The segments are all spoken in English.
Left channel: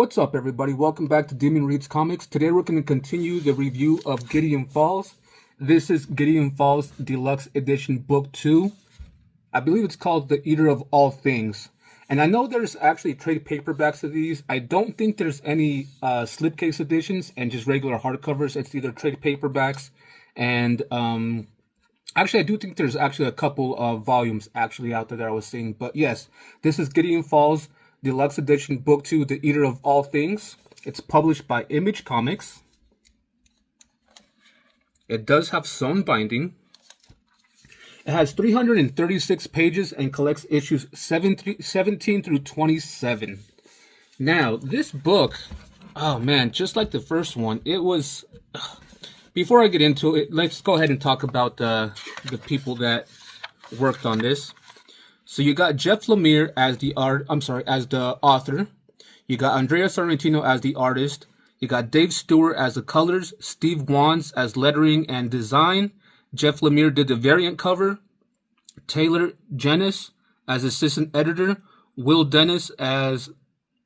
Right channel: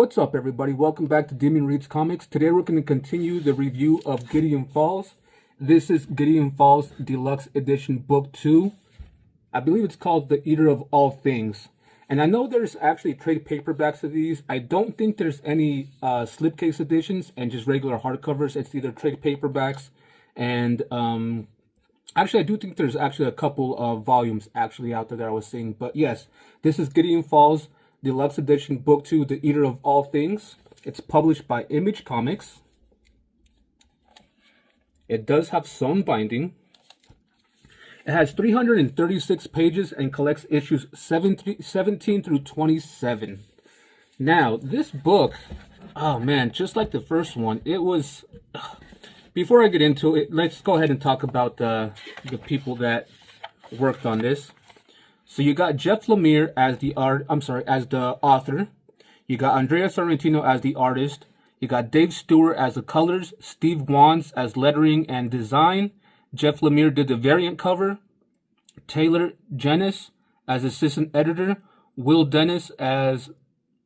What's up, everybody? Welcome back to Demon Reads Comics. Today we're going to continue the review of Gideon Falls. This is Gideon Falls Deluxe Edition Book 2. I believe it's called The Eater of All Things. And I know there's actually trade paperbacks of these. I don't think there's any slipcase editions and just regular hardcovers. It's either trade paperbacks and actually I do think there's actually a couple of volumes actually out there that I was seeing. But yes, this is Gideon Falls Deluxe Edition Book 2, The Eater of All Things. It's published by Image Comics. It does have sewn binding. It has 336 pages and collects issues 17 through 27. Now, this book, oh man, just like the first one, it was... Before I get into it, let's go ahead and talk about the people that worked on this. So you got Jeff Lemire as the author. You got Andrea Sorrentino as the artist. You got Dave Stewart as the colors. Steve Wands as lettering and design. Jeff Lemire did the variant cover. Taylor Jennis as assistant editor. Will Dennis as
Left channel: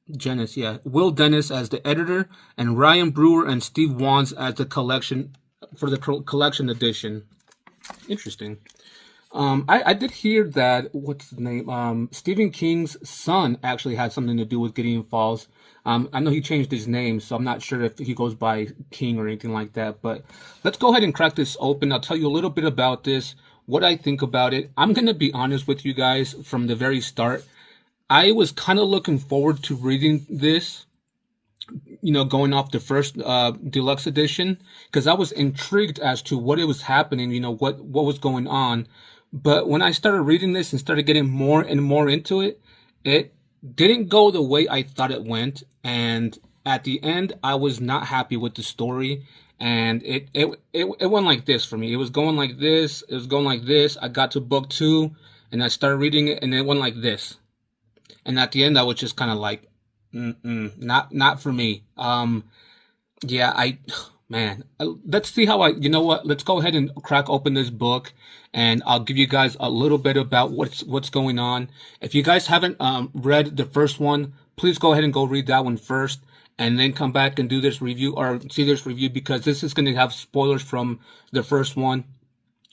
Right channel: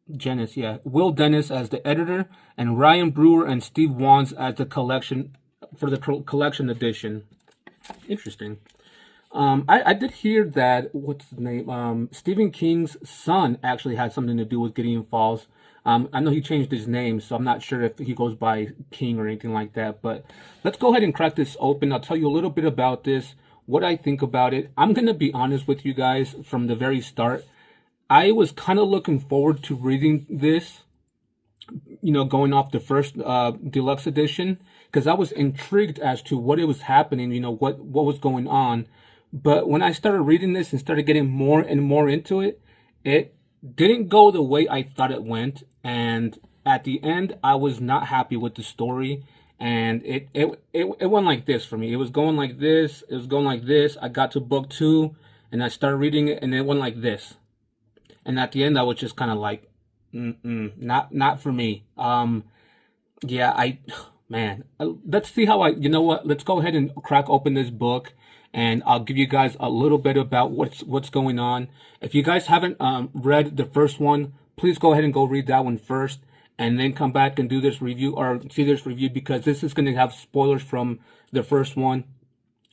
the editor, and Ryan Brewer and Steve Wands as the collection for the collection edition. Interesting. I did hear that, what's the name? Stephen King's son actually had something to do with Gideon Falls. I know he changed his name, so I'm not sure if he goes by King or anything like that. But let's go ahead and crack this open. I'll tell you a little bit about this, what I think about it. I'm going to be honest with you guys from the very start. I was kind of looking forward to reading this, you know, going off the first deluxe edition, because I was intrigued as to what it was happening, you know, what was going on. But when I started reading this and started getting more and more into it, it didn't go the way I thought it went. And at the end, I was not happy with the story. And it went like this for me. It was going like this. It was going like this. I got to book 2 and I started reading it and it went like this. And at the end, I was just kind of like, not for me. Let's see how you know what? Let's go ahead and crack open this book. And I'll give you guys a little bit about what's going on. If you guys haven't read the first one, please go ahead and go read that one first, and then come back and do this review or see this review, because this is going to have spoilers from the first one.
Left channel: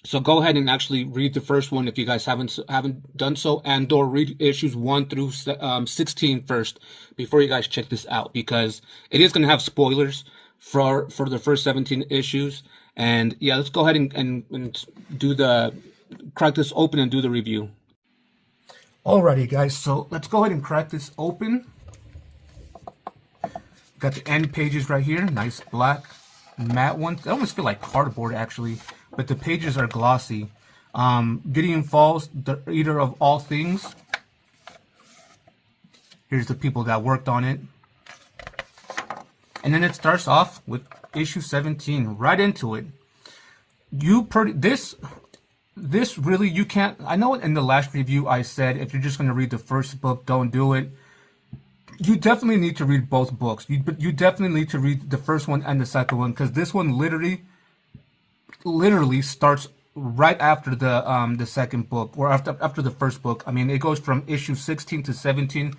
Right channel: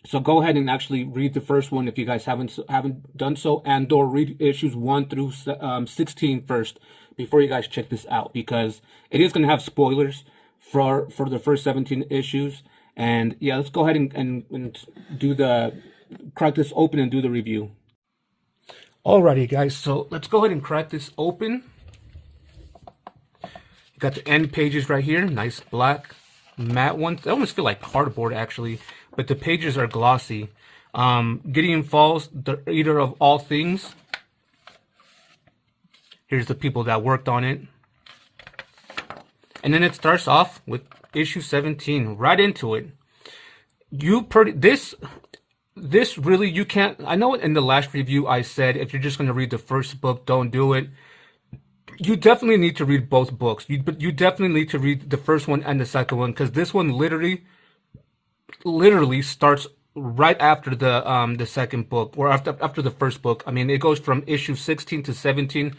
So go ahead and actually read the first one if you guys haven't done so, and/or read issues 1 through 16 first before you guys check this out, because it is going to have spoilers for the first 17 issues. And yeah, let's go ahead and do crack this open and do the review. Alrighty, guys, so let's go ahead and crack this open. You got the end pages right here, nice black matte ones. They almost feel like cardboard actually, but the pages are glossy. Gideon Falls, the Eater of All Things. Here's the people that worked on it. And then it starts off with issue 17, right into it. This really, you can't, I know in the last review I said if you're just going to read the first book, don't do it. You definitely need to read both books. You definitely need to read the first one and the second one, because this one literally starts right after the second book, or after the first book. I mean, it goes from issue 16 to 17.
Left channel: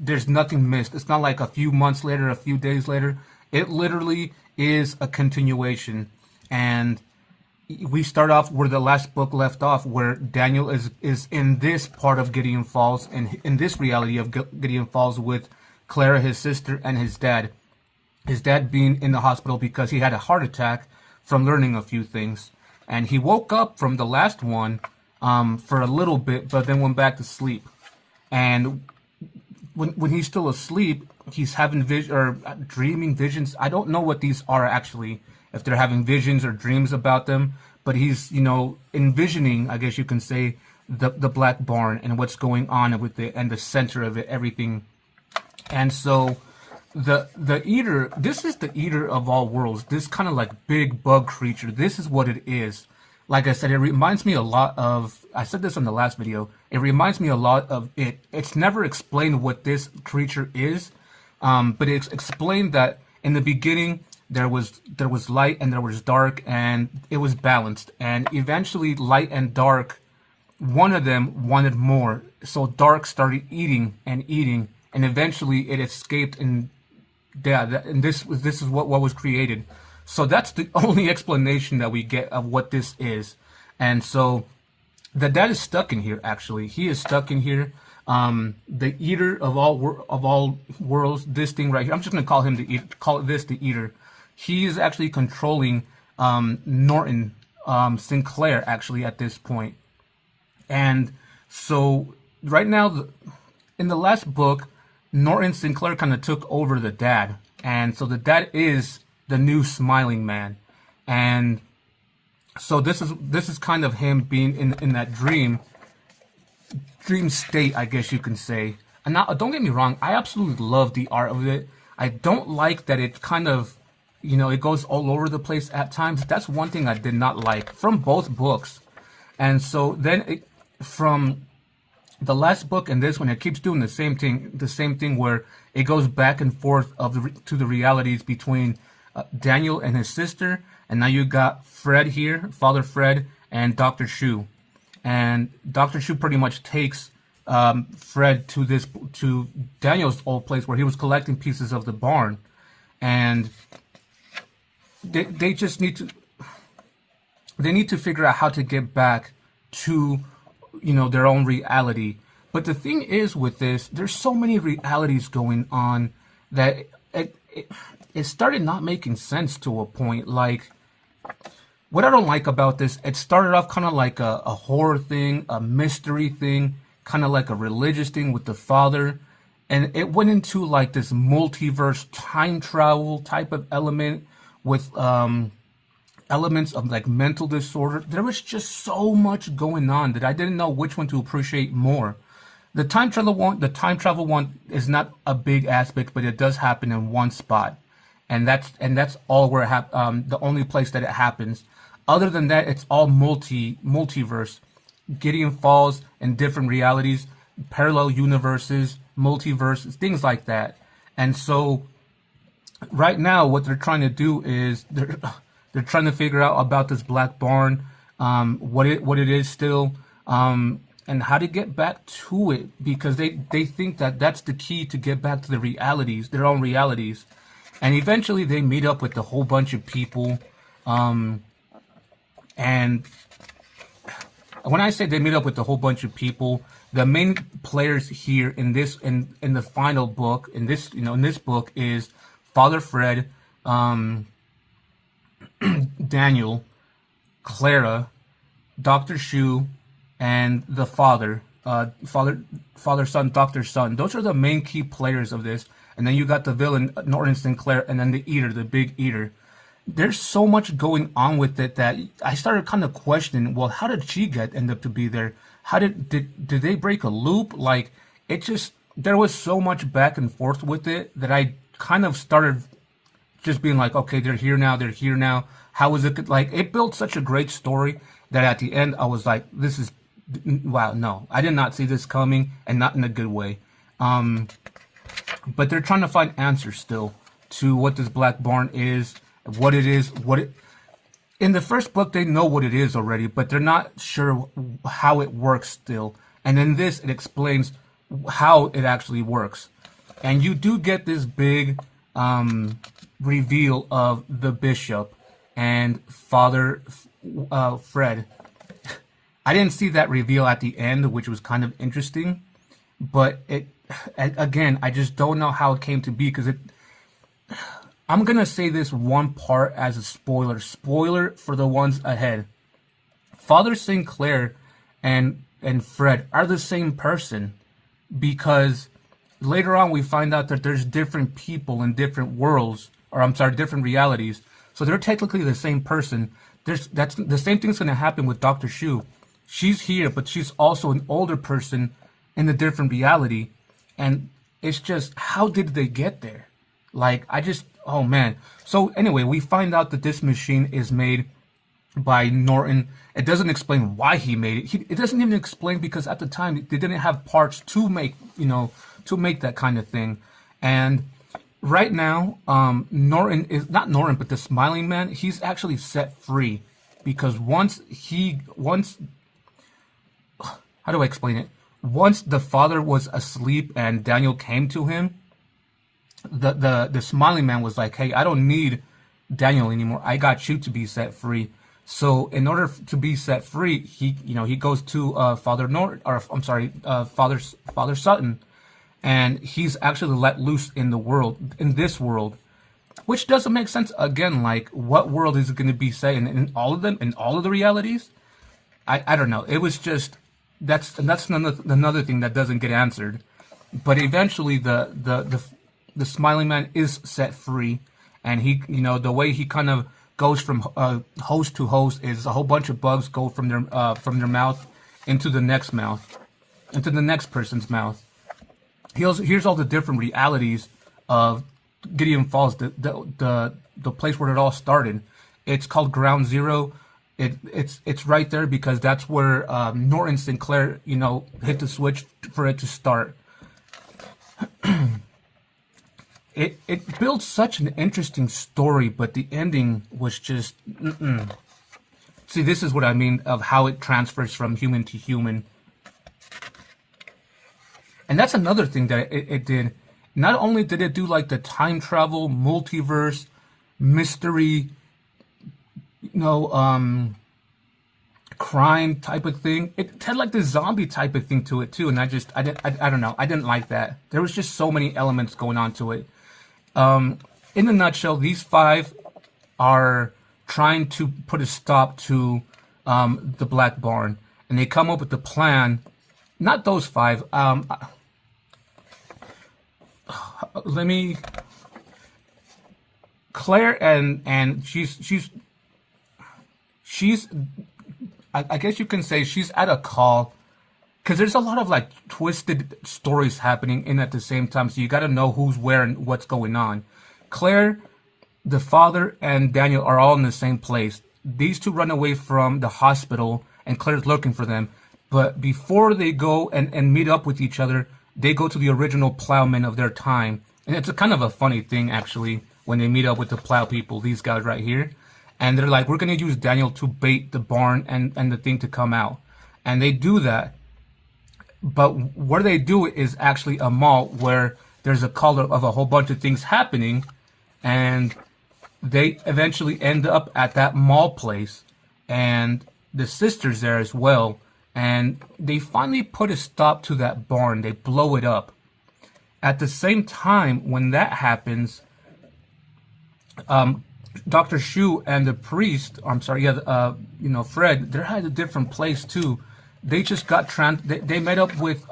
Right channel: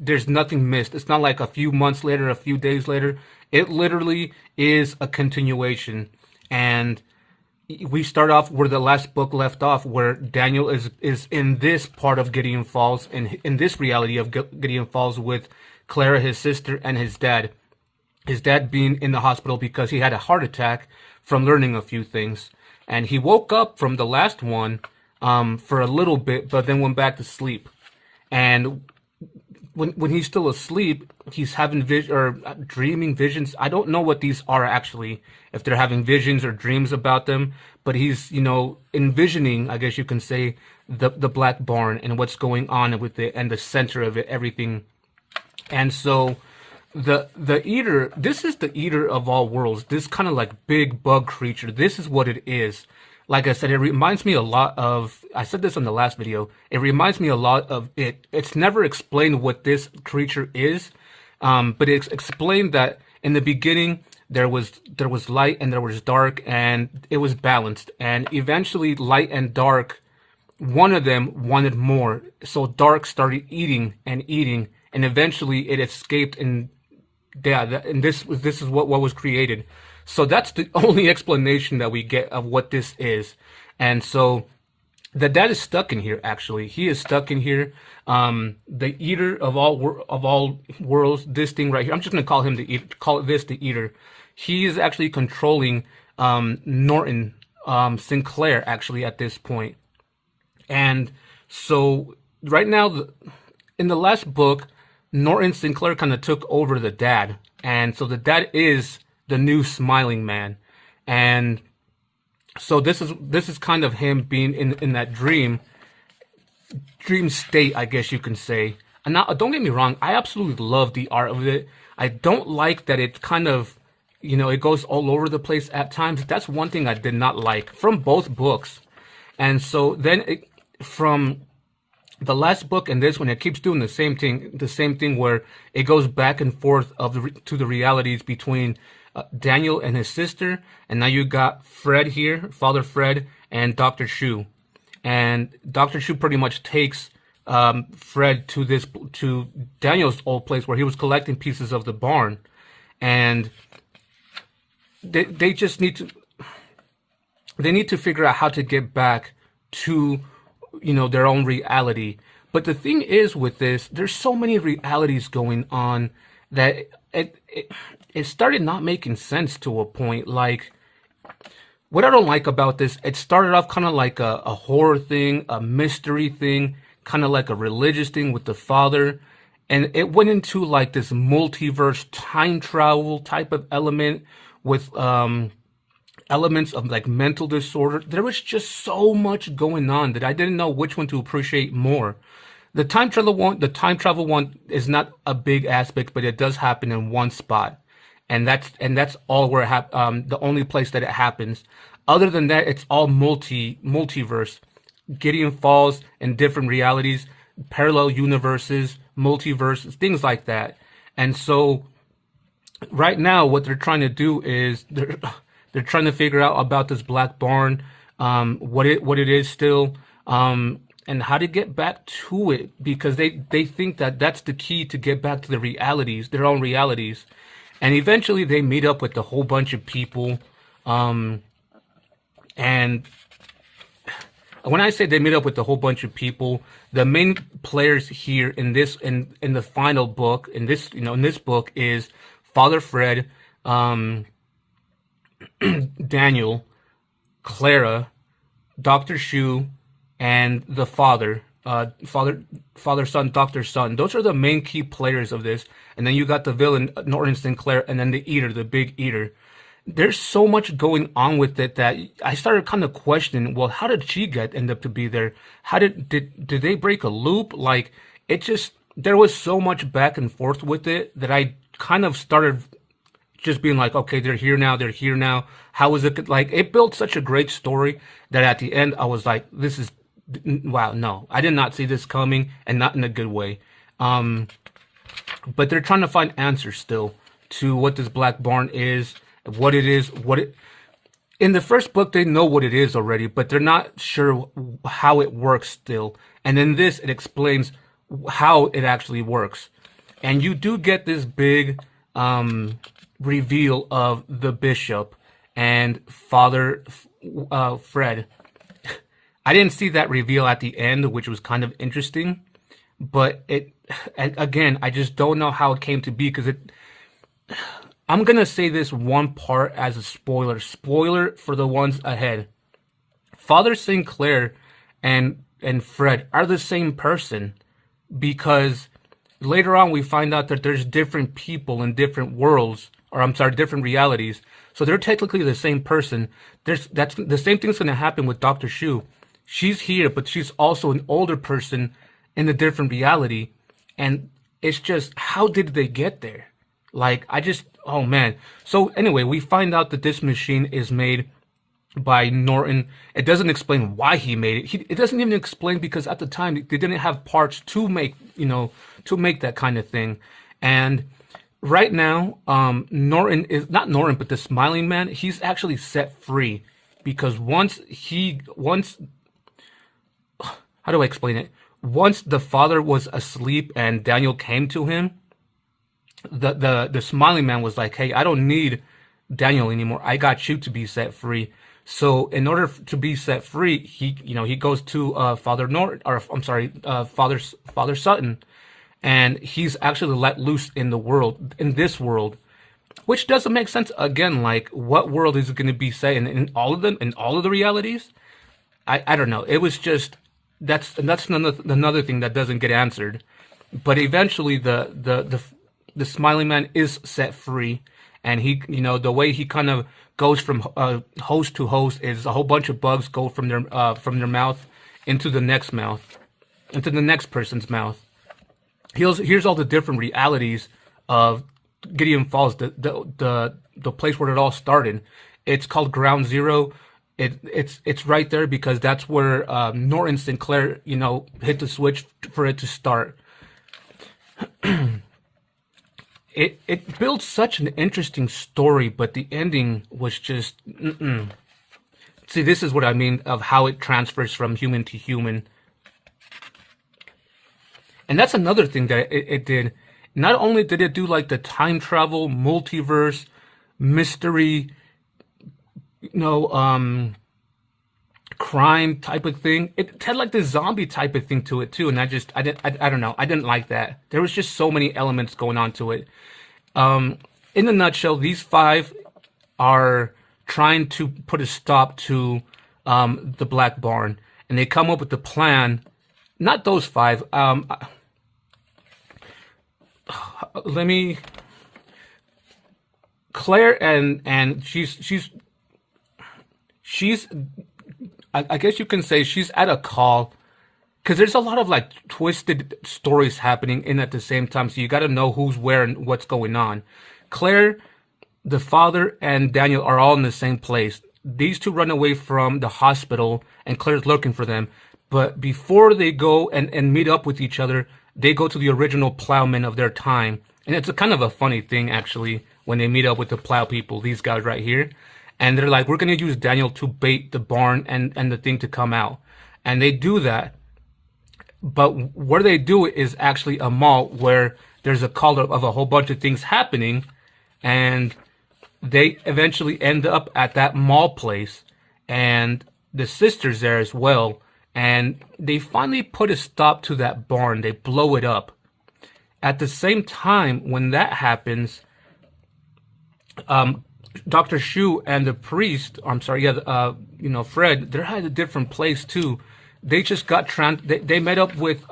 There's nothing missed. It's not like a few months later, a few days later. It literally is a continuation. And we start off where the last book left off, where Daniel is in this part of Gideon Falls, in this reality of Gideon Falls, with Clara, his sister, and his dad. His dad being in the hospital because he had a heart attack from learning a few things. And he woke up from the last one for a little bit, but then went back to sleep. And when he's still asleep, he's having dreaming visions. I don't know what these are actually, if they're having visions or dreams about them, but he's, you know, envisioning, I guess you can say, the Black Barn and what's going on with it, and the center of it, everything. And so the eater, this is the eater of all worlds, this kind of like big bug creature. This is what it is. Like I said, it reminds me a lot of, I said this in the last video, it reminds me a lot of it. It's never explained what this creature is, but it's explained that in the beginning there was light and there was dark, and it was balanced. And eventually light and dark, one of them wanted more, so dark started eating, and eventually it escaped and Yeah, and this is what was created. So that's the only explanation that we get of what this is. And so the dad is stuck in here. Actually, he is stuck in here. The eater of all worlds. This thing right here. I'm just gonna call him the eater, call it this the eater. He is actually controlling Norton Sinclair actually at this point. And so right now, in the last book, Norton Sinclair kind of took over the dad, and so the dad is the new smiling man, and so this is kind of him being in that dream state, I guess you can say. And now, don't get me wrong, I absolutely love the art of it. I don't like that it kind of, it goes all over the place at times. That's one thing I did not like from both books. And so then from the last book and this one, it keeps doing the same thing where it goes back and forth to the realities between Daniel and his sister, and now you got Fred here, Father Fred, and Dr. Shu. And Dr. Shu pretty much takes Fred to Daniel's old place where he was collecting pieces of the barn, and they just need to figure out how to get back to their own reality. But the thing is with this, there's so many realities going on that it started not making sense to a point. Like, what I don't like about this, it started off kind of like a horror thing, a mystery thing, kind of like a religious thing with the father, and it went into like this multiverse time travel type of element with elements of like mental disorder. There was just so much going on that I didn't know which one to appreciate more. The time travel one is not a big aspect, but it does happen in one spot, and that's all where the only place that it happens. Other than that, it's all multiverse. Gideon falls in different realities, parallel universes, multiverses, things like that. And so right now, what they're trying to do is they're trying to figure out about this black barn, what it is still, and how to get back to it, because they think that that's the key to get back to the realities, their own realities. And eventually they meet up with a whole bunch of people, and when I say they meet up with a whole bunch of people, the main players here in the final book, in this book, is Father Fred, Daniel, Clara, Dr. Shu, and the father, son, Dr. Son. Those are the main key players of this. And then you got the villain, Norton Sinclair, and then the eater, the big eater. There's so much going on with it that I started kind of questioning, well, how did she end up to be there? How did they break a loop? Like, there was so much back and forth with it that I kind of started just being like, okay, they're here now. How is it? Like, it built such a great story that at the end I was like, wow, no, I did not see this coming, and not in a good way. But they're trying to find answers still to what this black barn is, what it is, in the first book they know what it is already, but they're not sure how it works still. And in this, it explains how it actually works. And you do get this big reveal of the bishop and Father Fred. I didn't see that reveal at the end, which was kind of interesting, but again, I just don't know how it came to be, because I'm gonna say this one part as a spoiler for the ones ahead. Father Sinclair and Fred are the same person, because later on we find out that there's different people in different worlds, or I'm sorry, different realities. So they're technically the same person. That's the same thing's gonna happen with Dr. Shu. She's here, but she's also an older person in a different reality. And it's just, how did they get there? Like, oh man. So anyway, we find out that this machine is made by Norton. It doesn't explain why he made it. It doesn't even explain, because at the time they didn't have parts to make that kind of thing. And right now, Norton is not Norton, but the Smiling Man. He's actually set free, because how do I explain it? Once the father was asleep and Daniel came to him, the smiling man was like, "Hey, I don't need Daniel anymore. I got you to be set free." So in order to be set free, he goes to Father Nort, or I'm sorry, Father Sutton, and he's actually let loose in the world, in this world, which doesn't make sense. Again, like, what world is it going to be set in all of them, in all of the realities? I don't know. It was just, that's another thing that doesn't get answered. But eventually, the smiling man is set free, and the way he kind of goes from host to host is a whole bunch of bugs go from their mouth into the next mouth, into the next person's mouth. Here's all the different realities of Gideon Falls, the place where it all started. It's called Ground Zero. It's right there because that's where Norton Sinclair hit the switch for it to start. It built such an interesting story, but the ending was just See, this is what I mean of how it transfers from human to human. And that's another thing that it did. Not only did it do like the time travel, multiverse, mystery, crime type of thing. It had like the zombie type of thing to it too. And I don't know. I didn't like that. There was just so many elements going on to it. In a nutshell, these five are trying to put a stop to the Black Barn, and they come up with the plan. Not those five. Let me. Claire and she's. I guess you can say she's at a call, because there's a lot of like twisted stories happening in at the same time. So you got to know who's where and what's going on. Claire, the father, and Daniel are all in the same place. These two run away from the hospital, and Claire's looking for them. But before they go and meet up with each other, they go to the original plowmen of their time. And it's a kind of a funny thing, actually, when they meet up with the plow people, these guys right here. And they're like, we're going to use Daniel to bait the barn and the thing to come out. And they do that. But where they do it is actually a mall where there's a call of a whole bunch of things happening. And they eventually end up at that mall place. And the sister's there as well. And they finally put a stop to that barn. They blow it up. At the same time, when that happens, Dr. Shu and the priest, Fred, they're at a different place too. They just got they met up with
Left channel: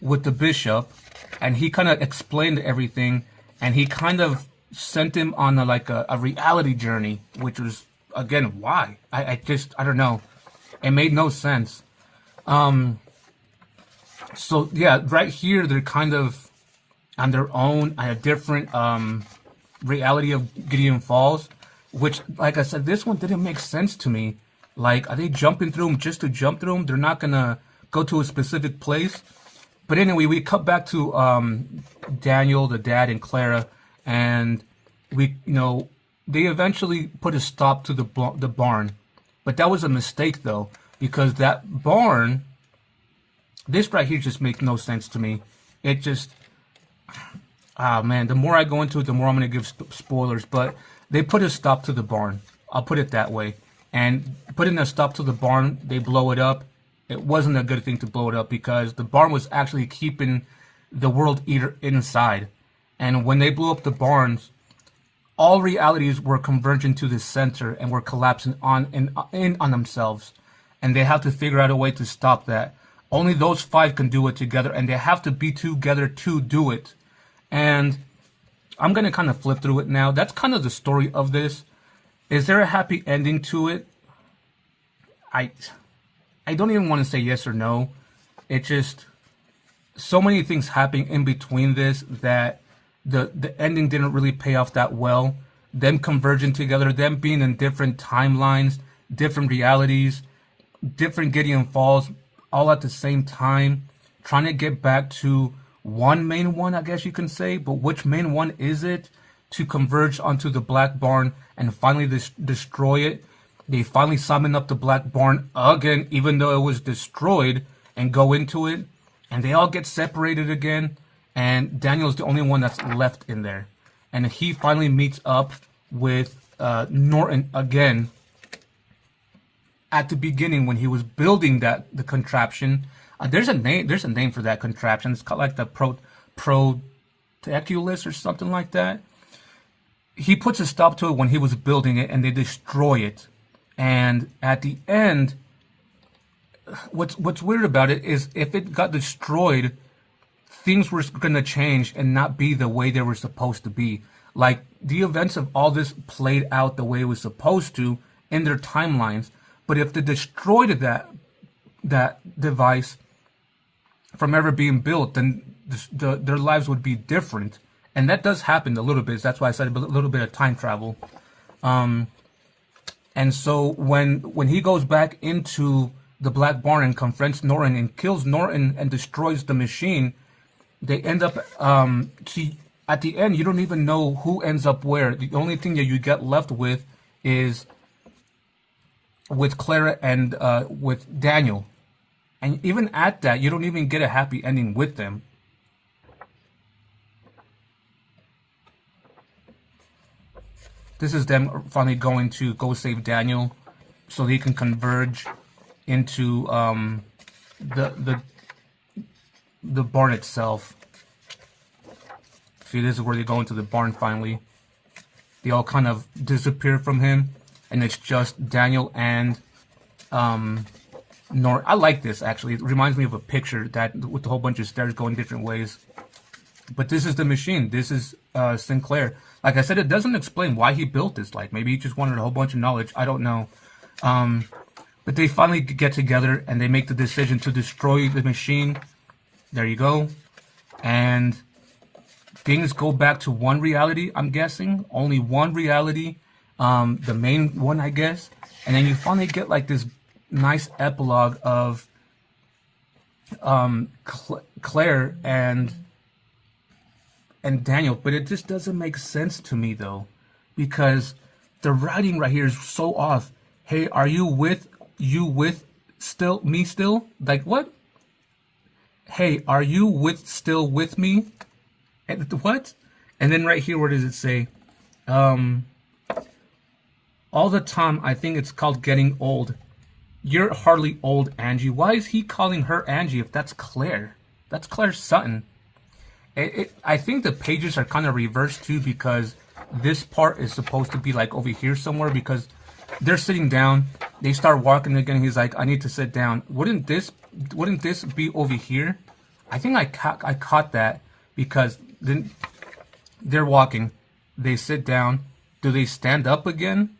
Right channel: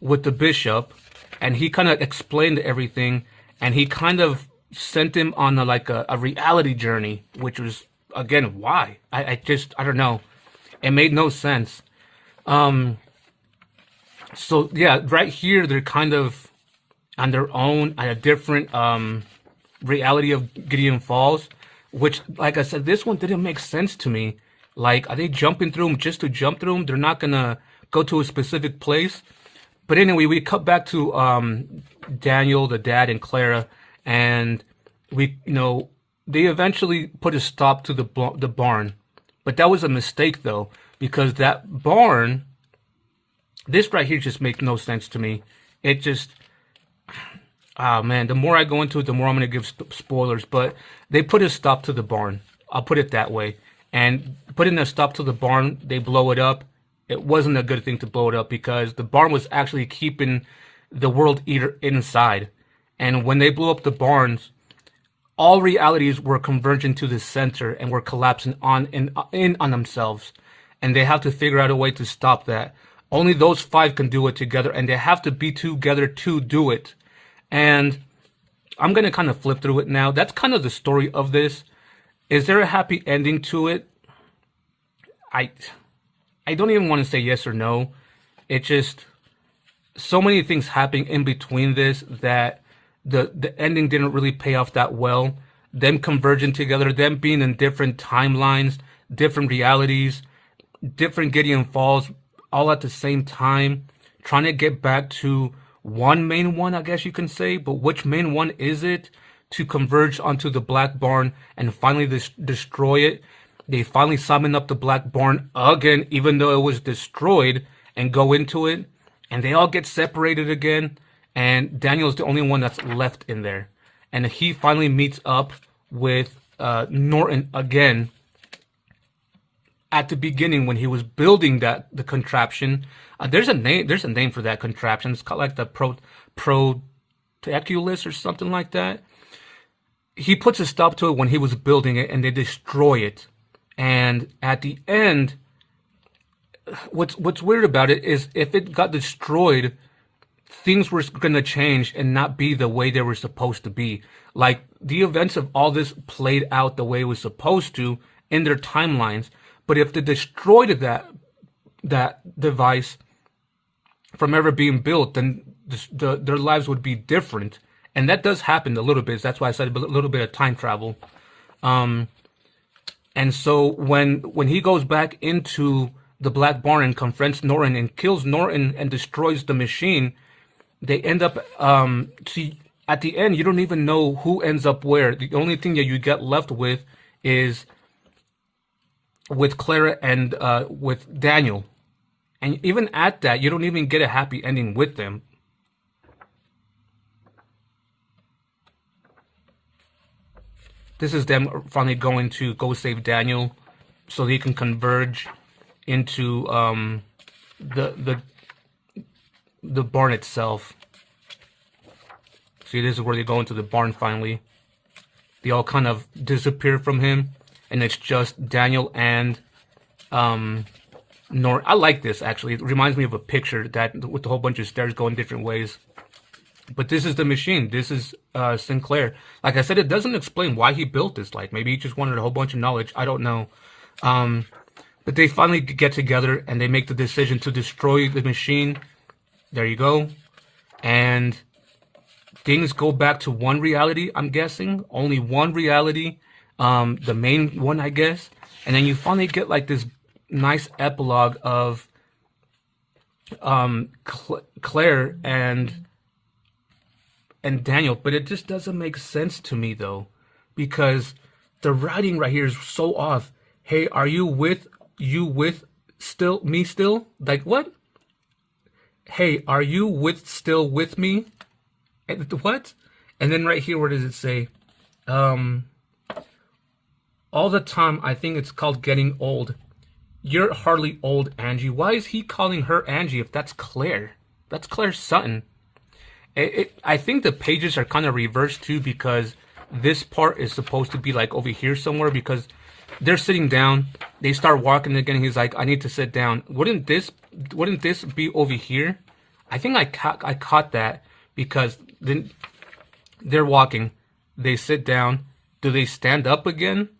the bishop, and he kind of explained everything, and he kind of sent him on a reality journey, which was, again, why? I don't know. It made no sense. So yeah, right here they're kind of on their own at a different reality of Gideon Falls, which, like I said, this one didn't make sense to me. Like, are they jumping through them just to jump through them? They're not gonna go to a specific place. But anyway, we cut back to Daniel, the dad, and Clara, and they eventually put a stop to the barn. But that was a mistake, though, because that barn, this right here just makes no sense to me. It just, man, the more I go into it, the more I'm going to give spoilers. But they put a stop to the barn. I'll put it that way. And putting a stop to the barn, they blow it up. It wasn't a good thing to blow it up, because the barn was actually keeping the World Eater inside. And when they blew up the barns, all realities were converging to the center and were collapsing in on themselves. And they have to figure out a way to stop that. Only those five can do it together, and they have to be together to do it. And I'm going to kind of flip through it now. That's kind of the story of this. Is there a happy ending to it? I don't even want to say yes or no. It just, so many things happening in between this that the ending didn't really pay off that well. Them converging together, them being in different timelines, different realities, different Gideon Falls, all at the same time, trying to get back to one main one, I guess you can say. But which main one is it to converge onto the Black Barn and finally destroy it? They finally summon up the Black Barn again, even though it was destroyed, and go into it. And they all get separated again. and Daniel's the only one that's left in there. And he finally meets up with Norton again at the beginning when he was building the contraption. There's a name. There's a name for that contraption. It's called like the Proteculus or something like that. He puts a stop to it when he was building it, and they destroy it. And at the end, what's weird about it is if it got destroyed, things were going to change and not be the way they were supposed to be. Like the events of all this played out the way it was supposed to in their timelines. But if they destroyed that device from ever being built, then their lives would be different. And that does happen a little bit. That's why I said a little bit of time travel. And so when he goes back into the Black Barn and confronts Norton and kills Norton and destroys the machine, they end up see at the end you don't even know who ends up where. The only thing that you get left with is with Clara and with Daniel. And even at that, you don't even get a happy ending with them. This is them finally going to go save Daniel so they can converge into the barn itself. See, this is where they go into the barn finally. They all kind of disappear from him, and it's just Daniel and I like this, actually. It reminds me of a picture that with a whole bunch of stairs going different ways. But this is the machine. This is Sinclair. Like I said, it doesn't explain why he built this. Like, maybe he just wanted a whole bunch of knowledge. I don't know. But they finally get together, and they make the decision to destroy the machine. There you go. And things go back to one reality, I'm guessing. Only one reality. The main one, I guess. And then you finally get, like, this nice epilogue of Claire and Daniel, but it just doesn't make sense to me though, because the writing right here is so off. Hey, are you with still me still? Like what? Hey, are you still with me? And what? And then right here, where does it say? All the time, I think it's called getting old. You're hardly old, Angie. Why is he calling her Angie if that's Claire? That's Claire Sutton. I think the pages are kind of reversed too, because this part is supposed to be like over here somewhere, because they're sitting down, they start walking again. He's like, I need to sit down. Wouldn't this be over here? I think I caught that, because then they're walking, they sit down. Do they stand up again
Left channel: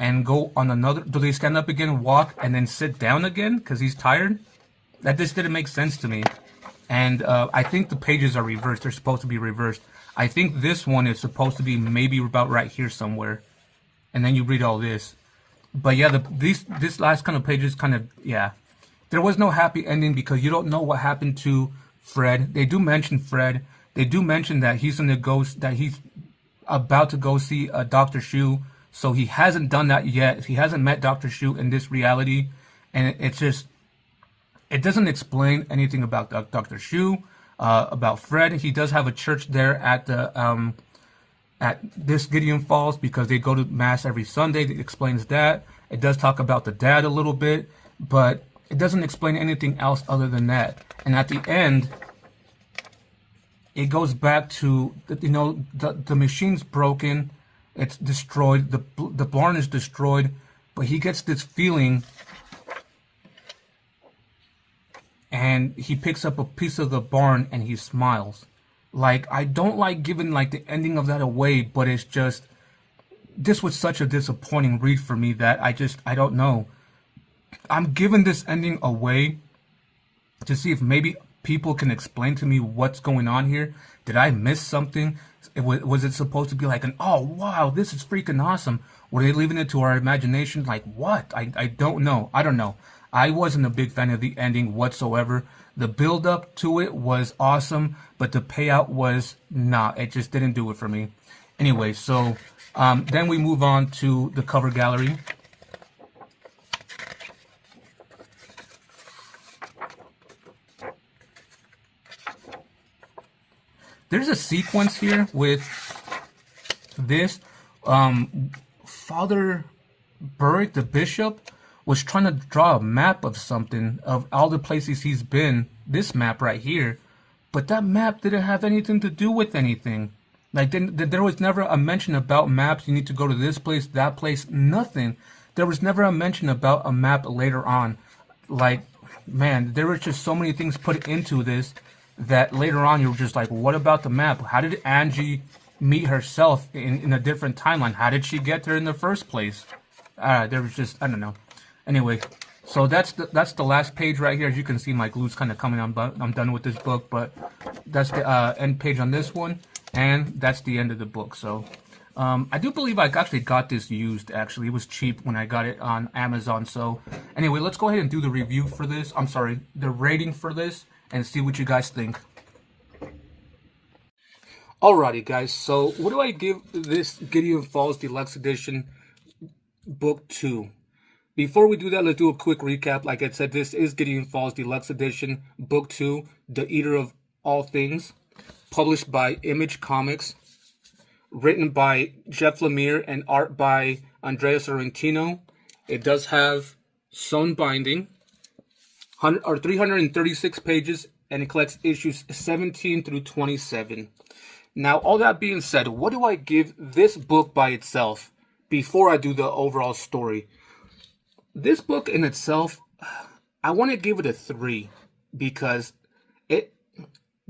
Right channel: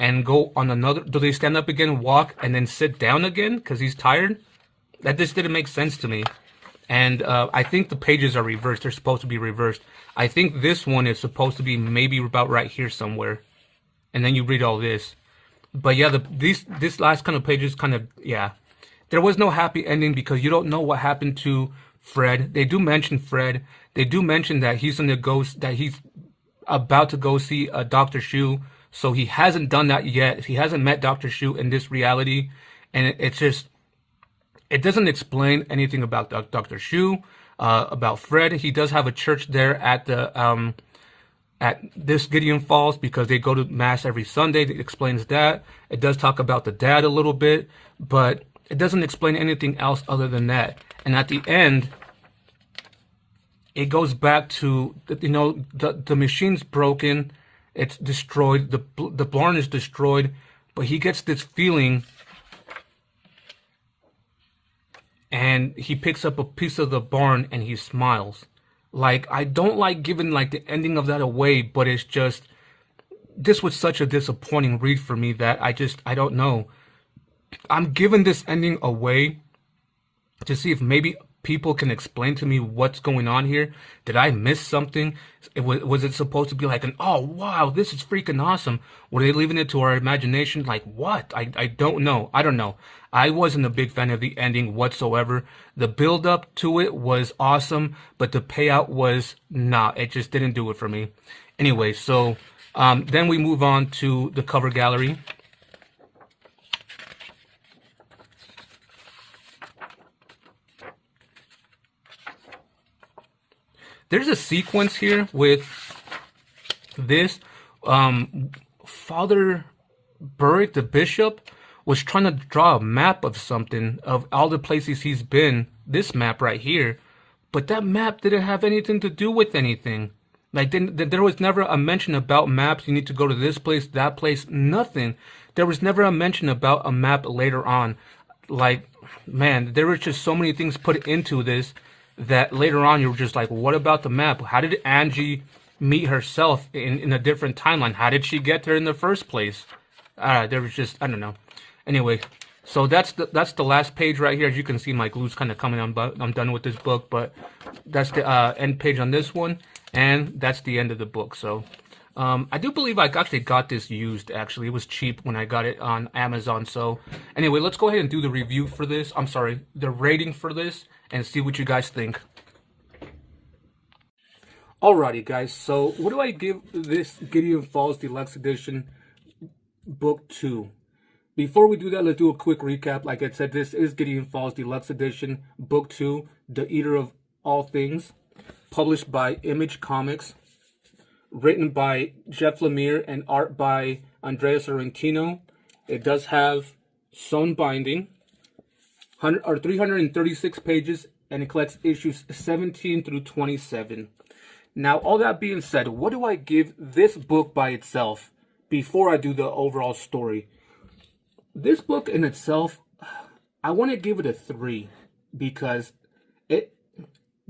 and go on another? Do they stand up again, walk, and then sit down again because he's tired? That just didn't make sense to me. And I think the pages are reversed. They're supposed to be reversed. I think this one is supposed to be maybe about right here somewhere. And then you read all this. But yeah, this last kind of pages kind of, yeah. There was no happy ending because you don't know what happened to Fred. They do mention Fred. They do mention that he's that he's about to go see Dr. Shu. So he hasn't done that yet. He hasn't met Dr. Shu in this reality. And it's just, it doesn't explain anything about Dr. Shu, about Fred. He does have a church there at the at this Gideon Falls, because they go to mass every Sunday. It explains that. It does talk about the dad a little bit, but it doesn't explain anything else other than that. And at the end, it goes back to, the machine's broken, it's destroyed, the barn is destroyed, but he gets this feeling. And he picks up a piece of the barn and he smiles. Like, I don't like giving like the ending of that away, but it's just, this was such a disappointing read for me that I don't know. I'm giving this ending away to see if maybe people can explain to me what's going on here. Did I miss something? Was it supposed to be like oh wow, this is freaking awesome? Were they leaving it to our imagination? Like what? I don't know. I don't know. I wasn't a big fan of the ending whatsoever. The build up to it was awesome, but the payout was it just didn't do it for me. Anyway, so then we move on to the cover gallery. There's a sequence here with this. Father Burrick, the bishop, was trying to draw a map of something, of all the places he's been. This map right here. But that map didn't have anything to do with anything. Like, there was never a mention about maps. You need to go to this place, that place, nothing. There was never a mention about a map later on. Like, man, there were just so many things put into this that later on you were just like, what about the map? How did Angie meet herself in a different timeline? How did she get there in the first place? There was just, I don't know. Anyway, so that's the last page right here. As you can see, my glue's kind of coming on, but I'm done with this book. But that's the end page on this one, and that's the end of the book. So I do believe I actually got this used. Actually, it was cheap when I got it on Amazon. So anyway, let's go ahead and do the review for this. I'm sorry, the rating for this, and see what you guys think. Alrighty, guys. So what do I give this Gideon Falls Deluxe Edition Book 2? Before we do that, let's do a quick recap. Like I said, this is Gideon Falls Deluxe Edition, Book 2, The Eater of All Things, published by Image Comics, written by Jeff Lemire and art by Andrea Sorrentino. It does have sewn binding, 336 pages, and it collects issues 17 through 27. Now, all that being said, what do I give this book by itself before I do the overall story? This book in itself, I want to give it a 3 because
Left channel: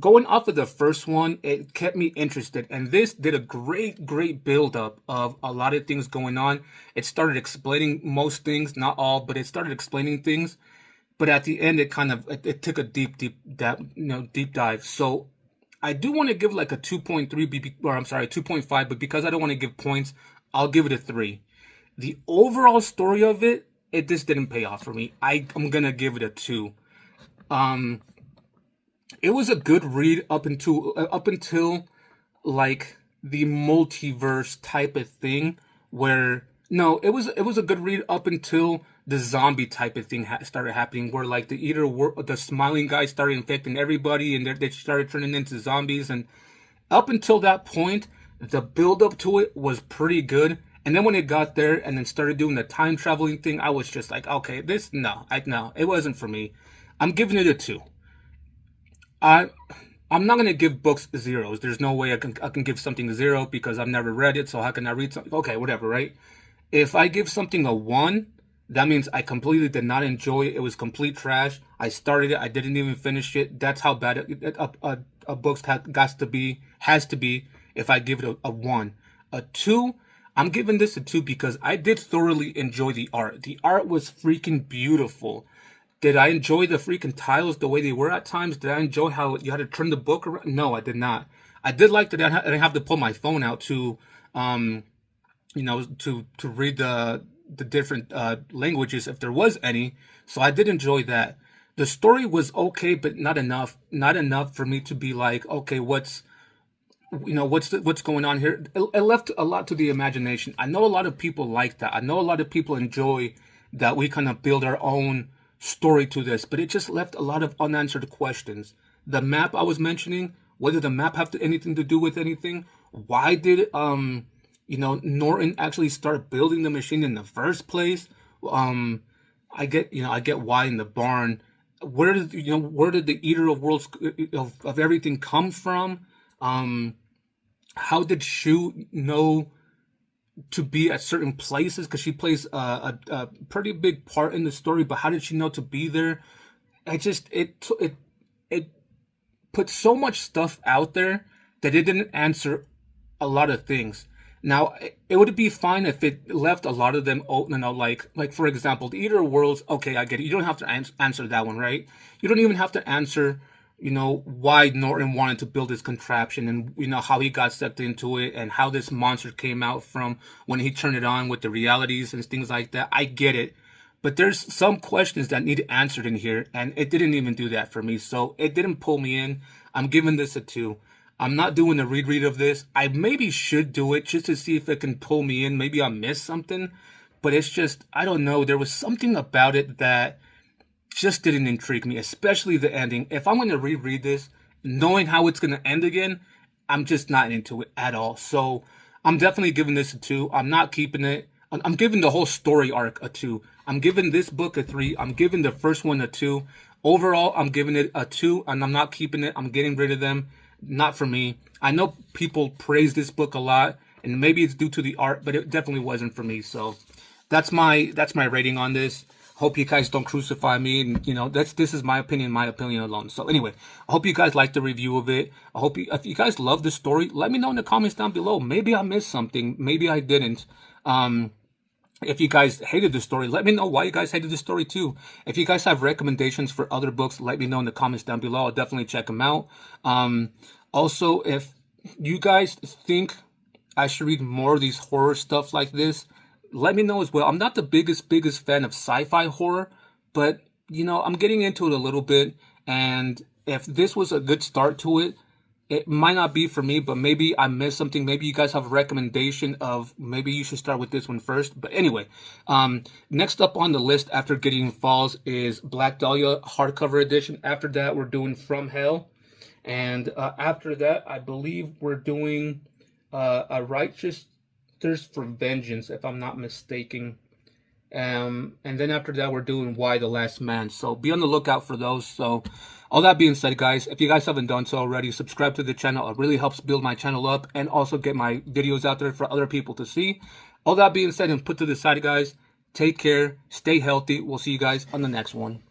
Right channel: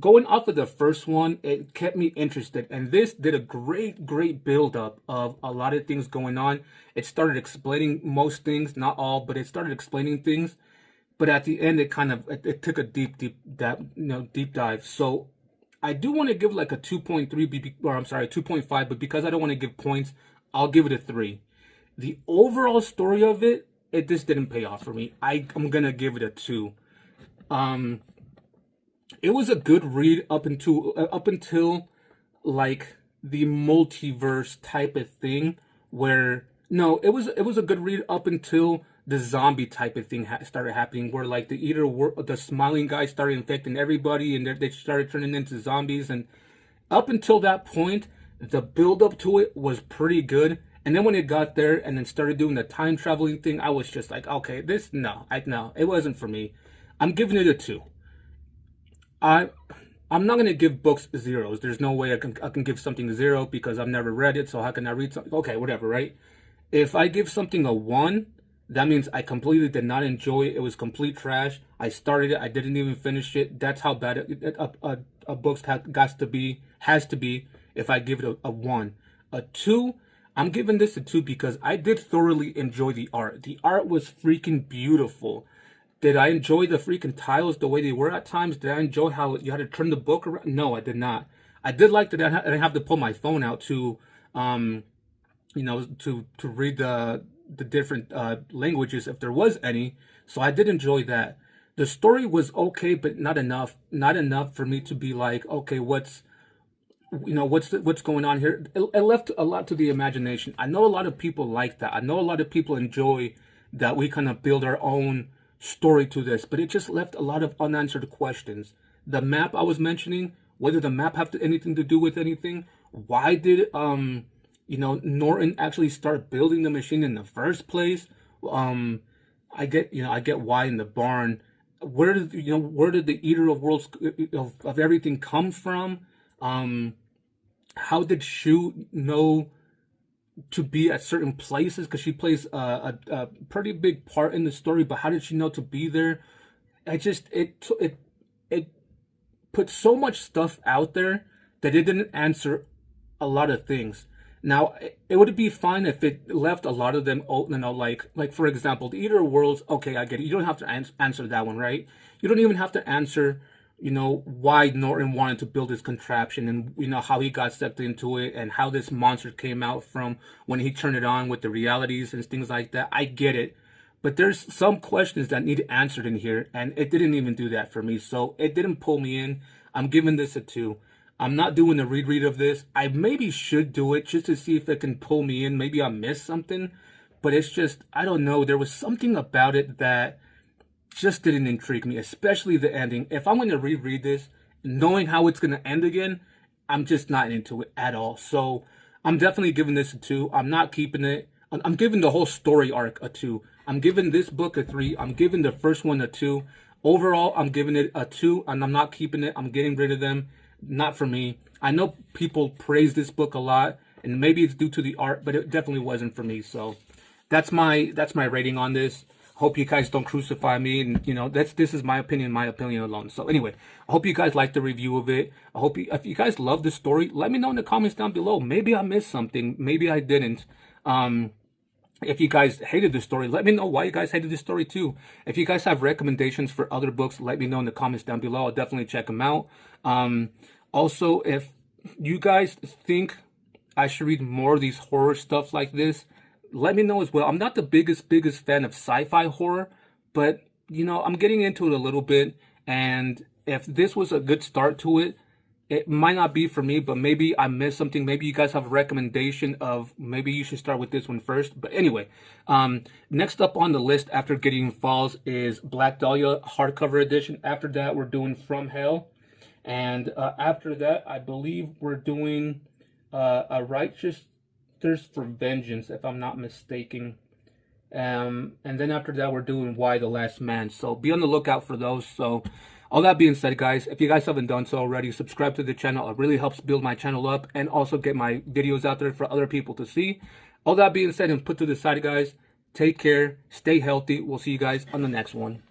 going off of the first one, it kept me interested. And this did a great build-up of a lot of things going on. It started explaining most things, not all, but it started explaining things. But at the end, it took a deep dive. So I do want to give like a 2.3, or I'm sorry, 2.5, but because I don't want to give points, I'll give it a 3. The overall story of it just didn't pay off for me. I'm gonna give it a 2. It was a good read up until like the multiverse type of thing, where no, it was a good read up until the zombie type of thing started happening, where like the smiling guy started infecting everybody, and they started turning into zombies. And up until that point, the build up to it was pretty good. And then when it got there and then started doing the time traveling thing, I was just like, okay, no, it wasn't for me. I'm giving it a 2. I'm not gonna give books 0s. There's no way I can give something a 0 because I've never read it. So how can I read something? Okay, whatever, right? If I give something a 1, that means I completely did not enjoy it. It was complete trash. I started it, I didn't even finish it. That's how bad a book has to be if I give it a 1. A 2. I'm giving this a 2 because I did thoroughly enjoy the art. The art was freaking beautiful. Did I enjoy the freaking tiles the way they were at times? Did I enjoy how you had to turn the book around? No, I did not. I did like that I didn't have to pull my phone out to, to read the different languages if there was any. So I did enjoy that. The story was okay, but not enough. Not enough for me to be like, okay, what's going on here? It left a lot to the imagination. I know a lot of people like that. I know a lot of people enjoy that we kind of build our own story to this, but it just left a lot of unanswered questions. The map I was mentioning, whether the map have anything to do with anything? Why did Norton actually start building the machine in the first place? I get why in the barn. Where did the Eater of Worlds of everything come from? How did Shu know to be at certain places? Because she plays a pretty big part in the story, but how did she know to be there? It put so much stuff out there that it didn't answer a lot of things. Now, it would be fine if it left a lot of them open, like for example, the Eater of Worlds. Okay, I get it. You don't have to answer that one, right? You don't even have to answer why Norton wanted to build this contraption, and how he got stepped into it, and how this monster came out from when he turned it on with the realities and things like that. I get it, but there's some questions that need answered in here, and it didn't even do that for me. So it didn't pull me in. I'm giving this a 2. I'm not doing a reread of this. I maybe should do it just to see if it can pull me in. Maybe I missed something, but it's just, I don't know. There was something about it that just didn't intrigue me, especially the ending. If I'm going to reread this, knowing how it's going to end again, I'm just not into it at all. So I'm definitely giving this a 2. I'm not keeping it. I'm giving the whole story arc a 2. I'm giving this book a 3. I'm giving the first one a 2. Overall, I'm giving it a 2, and I'm not keeping it. I'm getting rid of them. Not for me. I know people praise this book a lot, and maybe it's due to the art, but it definitely wasn't for me. So that's my rating on this. Hope you guys don't crucify me, and you know this is my opinion alone. So anyway, I hope you guys like the review of it. I hope if you guys love the story, let me know in the comments down below. Maybe I missed something, maybe I didn't. If you guys hated the story, let me know why you guys hated the story too. If you guys have recommendations for other books, let me know in the comments down below. I'll definitely check them out. Also, if you guys think I should read more of these horror stuff like this, let me know as well. I'm not the biggest fan of sci-fi horror, but you know, I'm getting into it a little bit, and if this was a good start to it, it might not be for me, but maybe I missed something. Maybe you guys have a recommendation of maybe you should start with this one first. But anyway, next up on the list after Gideon Falls is Black Dahlia hardcover edition. After that, we're doing From Hell. And after that, I believe we're doing A Righteous Thirst for Vengeance, if I'm not mistaken. And then after that, we're doing Why the Last Man. So be on the lookout for those. So all that being said, guys, if you guys haven't done so already, subscribe to the channel. It really helps build my channel up and also get my videos out there for other people to see. All that being said and put to the side, guys, take care, stay healthy. We'll see you guys on the next one.